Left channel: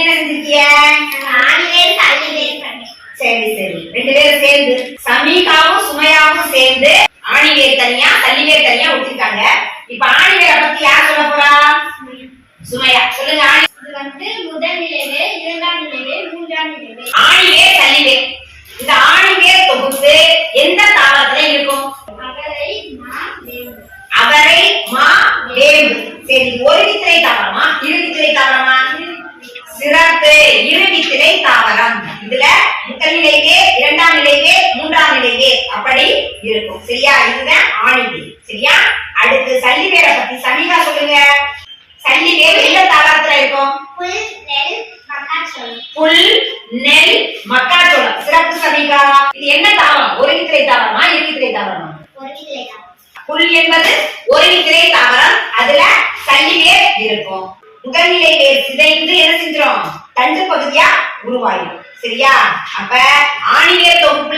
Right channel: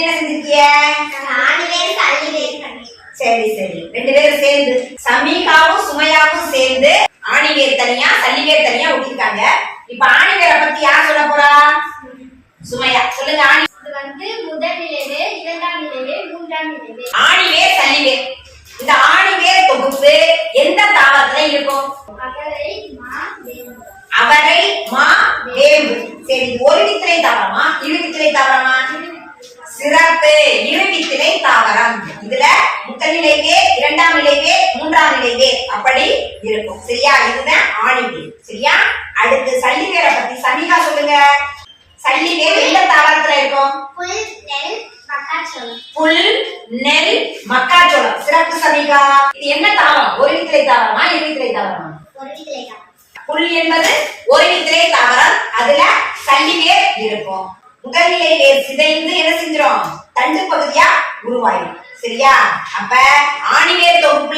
என்ன செஞ்சிருக்கிய சரி சரி. ரெண்டு பேரும் சேர்ந்து சமீகாவும் சுமையாவும் சேர்ந்து ஆணிவேர் தனியா சல்லிவேர் தனியா ஒட்டிருக்காங்க. இப்ப ஆணிவேரை பத்தி யார் சொல்ல போறா? சுமையா சொல்லுங்க ஆணி. இது வந்து முதல் நிலைவே இரண்டாம் நிலைவே மூன்றாம் நிலைவே ஆணிவேர் சல்லிவேர் இந்த ஆணிவேர் தொகுப்பு எந்த தாவரத்துல இருக்கும்? அகரை மா வேம்பு. அவரை மா வேம்பு. சரி ஒரு வித்திரை தாவரமா இரு வித்திரை தாவரமா சிறப்பு தாவரம். இதுல முதல் நிலைவே இரண்டாம் நிலைவே மூன்றாம் நிலைவே அப்படி இருக்கும். சரியா? இதுதான் ஆணிவேர் சரியா? அடுத்து சல்லிவேரை பத்தி சமிகா சொல்லுங்க. சல்லிவேர் எந்த தாவரத்துல இருக்கும்? புல் நெல் மக்காச்சோளம். புல் நெல் மக்காச்சோளம் சிறப்பு சமிகா. இது என்ன தாவரம்? ஒரு வித்திரை தாவரமா இரு தாவரமா? ஒரு புல் என்பது ஒரு தாவரம். அதுல சல்லிவேர் இருக்கும். முகநிலை வேர் சிதைந்து தண்டு பகுதியா உருவாயிடும் சரியா? அப்ப ஆணிவேர் தொகுப்புல